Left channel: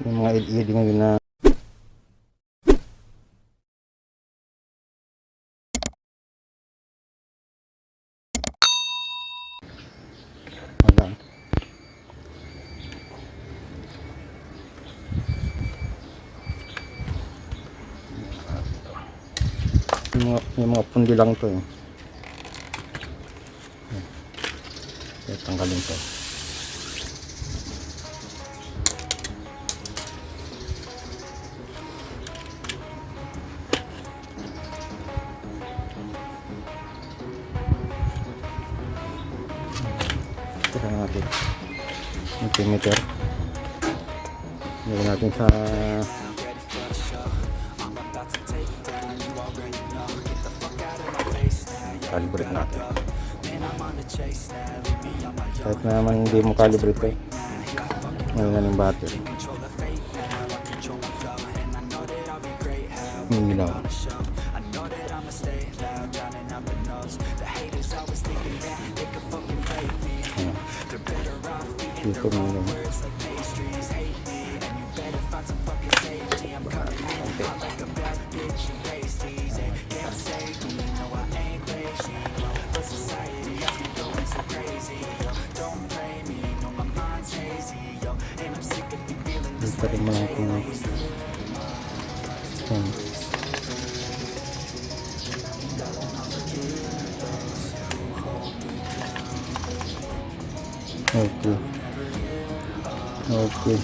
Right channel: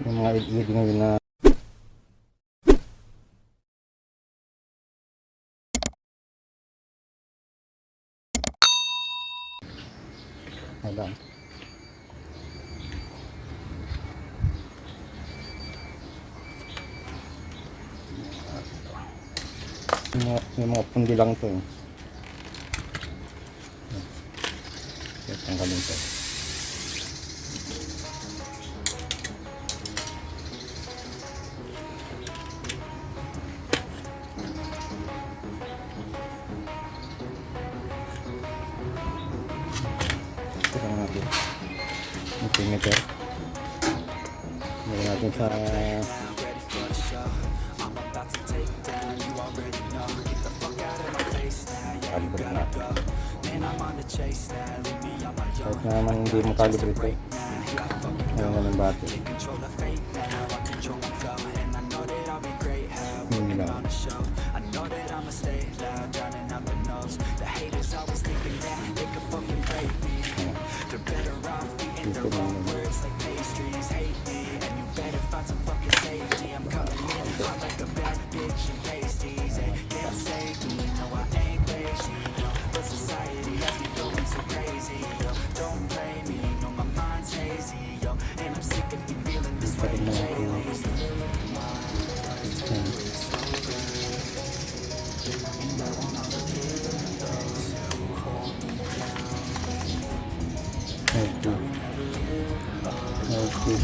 Yung mga LED ngayon na alam. Yung mga pundi lang to eh. Tanggalin ko. Tara natin. Meter. Ngayon natin sa calibrate natin. Kahit naman hindi mo calibrate ngayon na ng battery. Hindi lang. Dito na lang. Dito rin mga okay.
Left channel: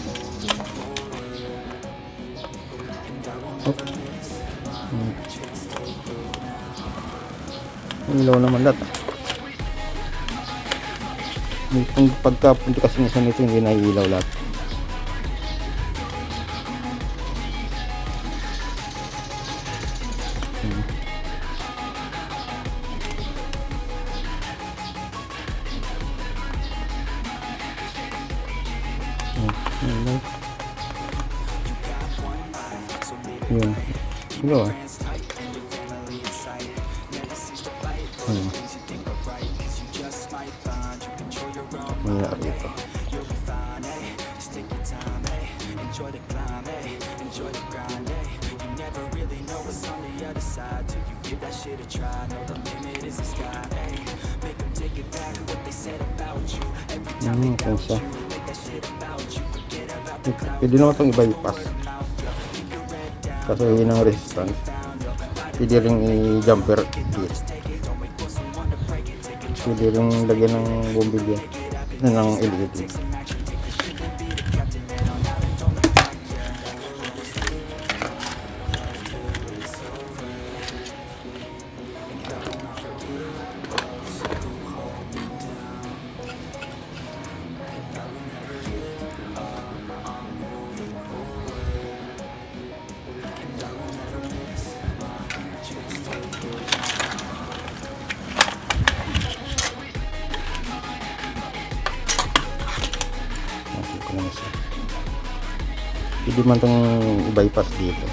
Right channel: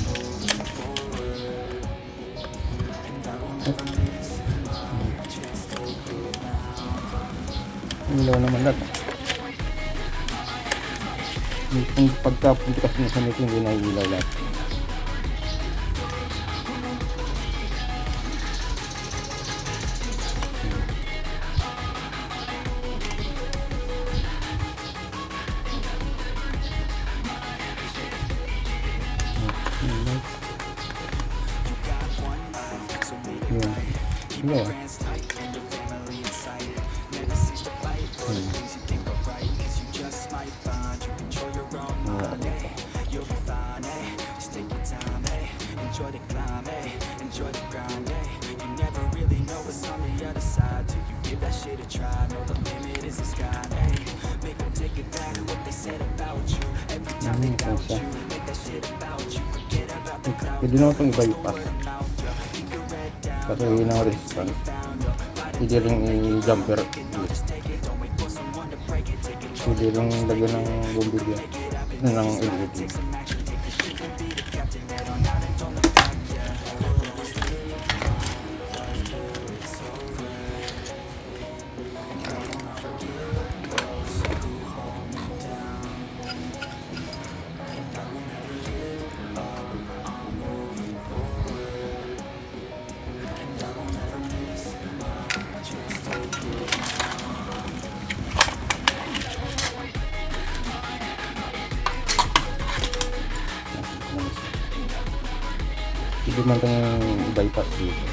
Ilaw naman lahat. Yung pagkapunti kasi nito hindi na ilaw lahat. Ilaw. Enjoy the climb, enjoy the grind. You never really know what's on the other side till you give that shit a try. Know the limit is the sky. Make them take it back what they said about you. Every time they doubt you, make that shit about you. Forget about the cloud. Pwede naman itong i-bypass kasi yun ang resistance. Pwede rin i-jumper. Pwede rin lagyan ng bumbilya ng LED. Hindi man itong bypass dito.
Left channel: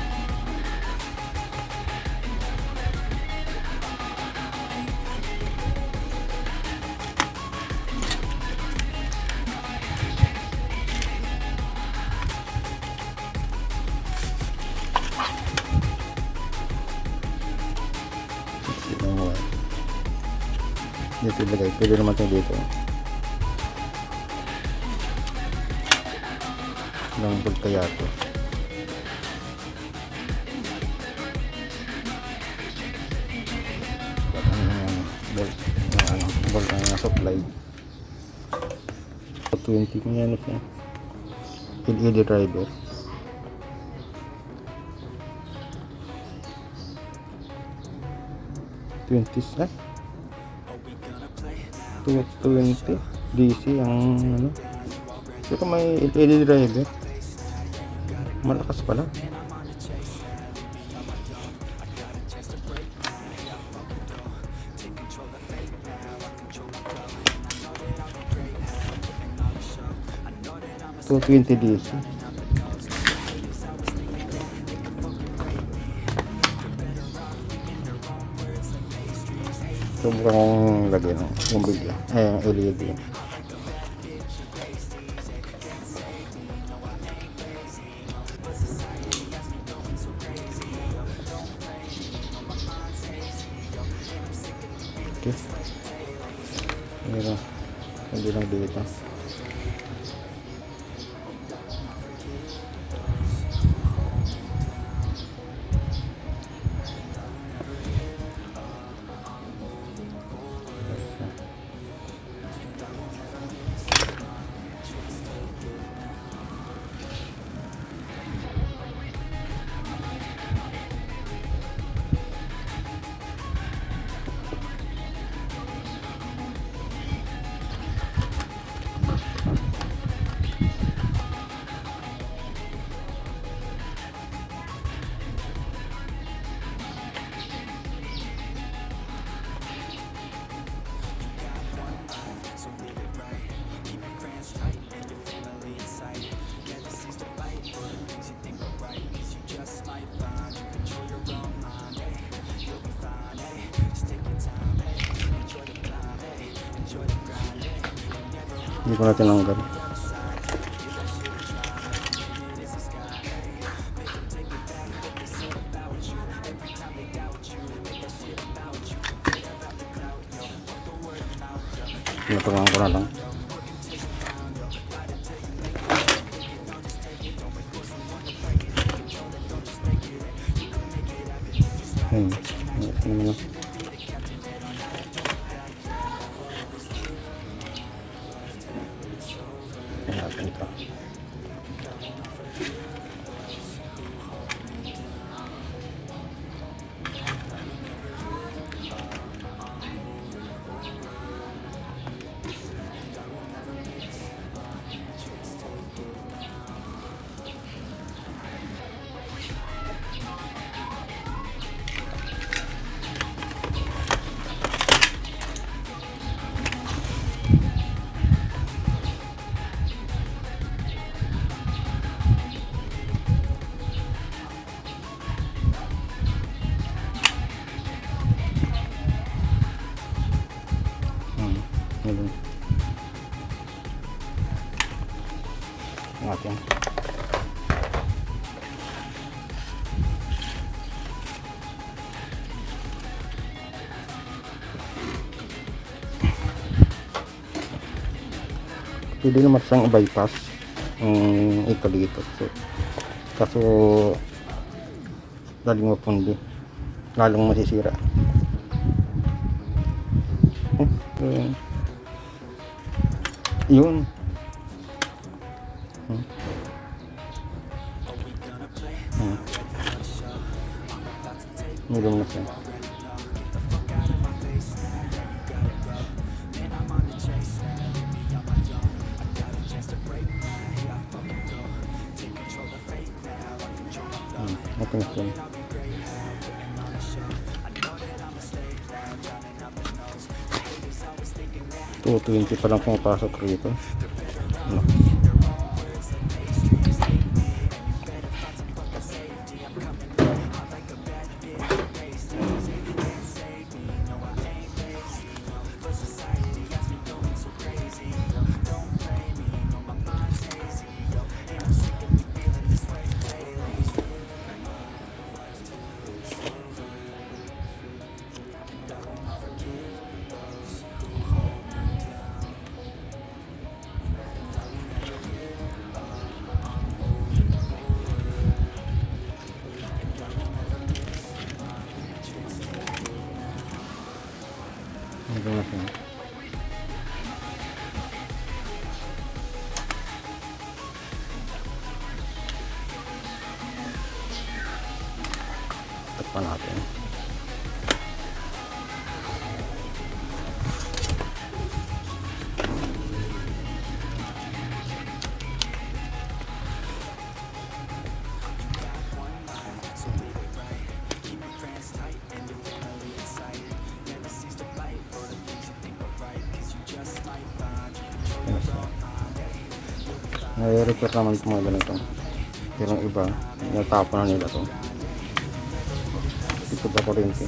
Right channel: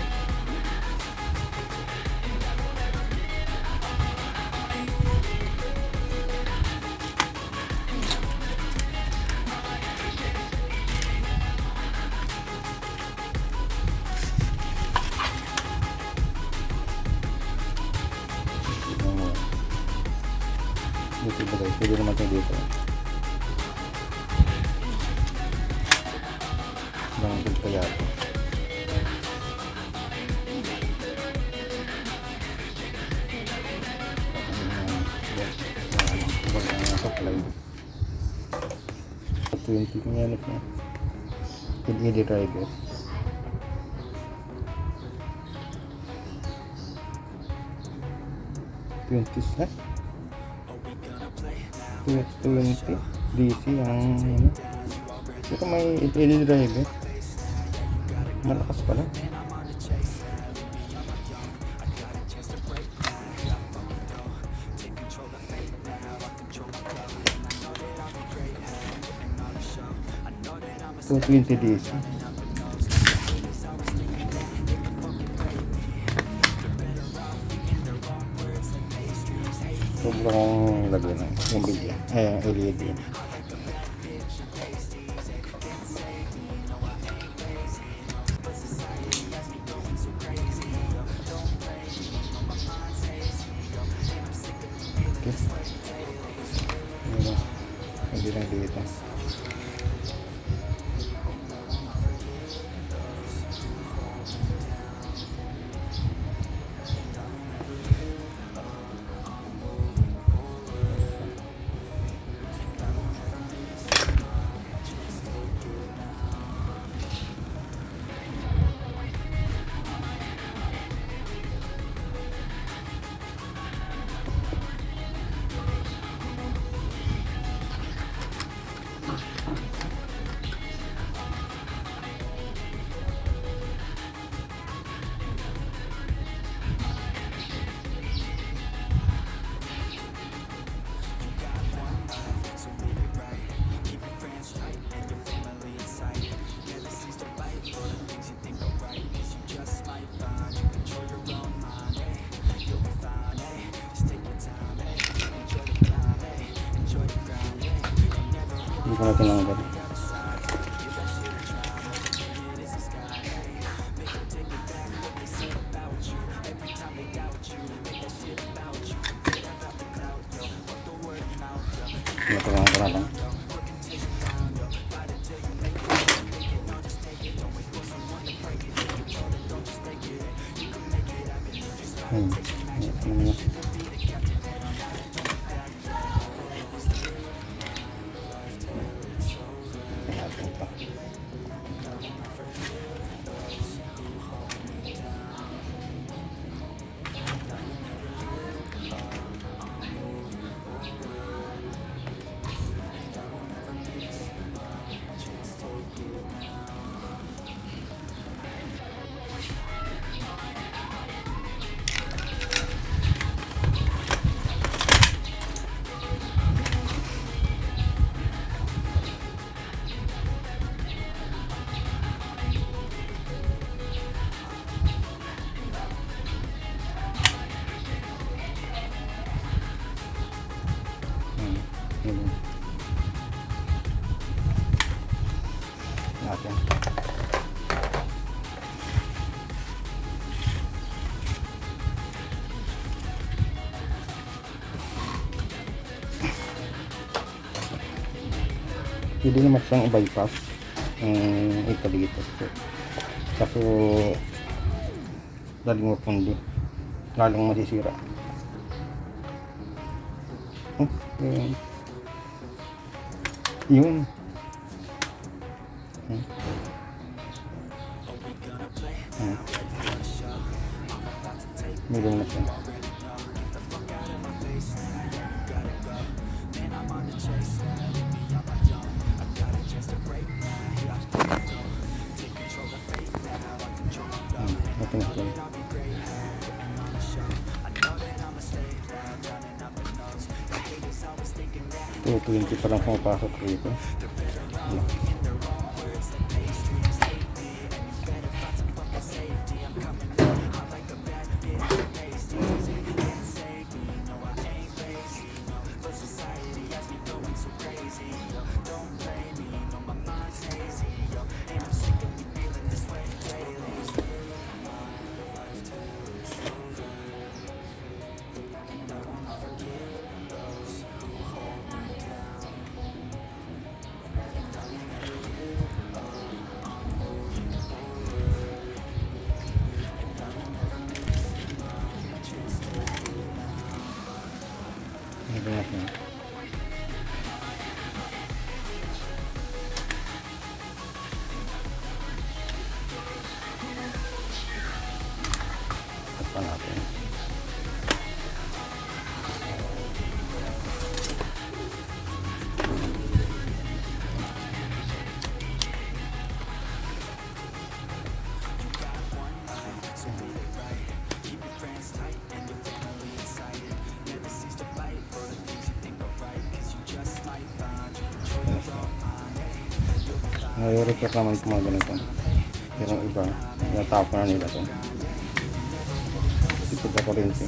Dito ilagay. Pwede naman ito dito. Lang kaya ito. Supply 20 minutes na LED driver. $20 DC ang ano. Ito may LED driver. Malakas pala. So 20 DC. Sobrang lagyan ng bumbilya. LED. Okay. Ayun. Hindi lang dito. Hindi ko na tinanggal. Tinatulungan ko na lang. Natin. Pwede naman siyang i-bypass ito dito. Kaso lalong mapundi, lalong masisira. Yun. Meron na siya. Ito na siya. 220 pa lang pumapasok rito. Pa natin. Nai-repair naman ito mga ganito. Pero yung iba, natapon na nila ito. Ito ba kuryente?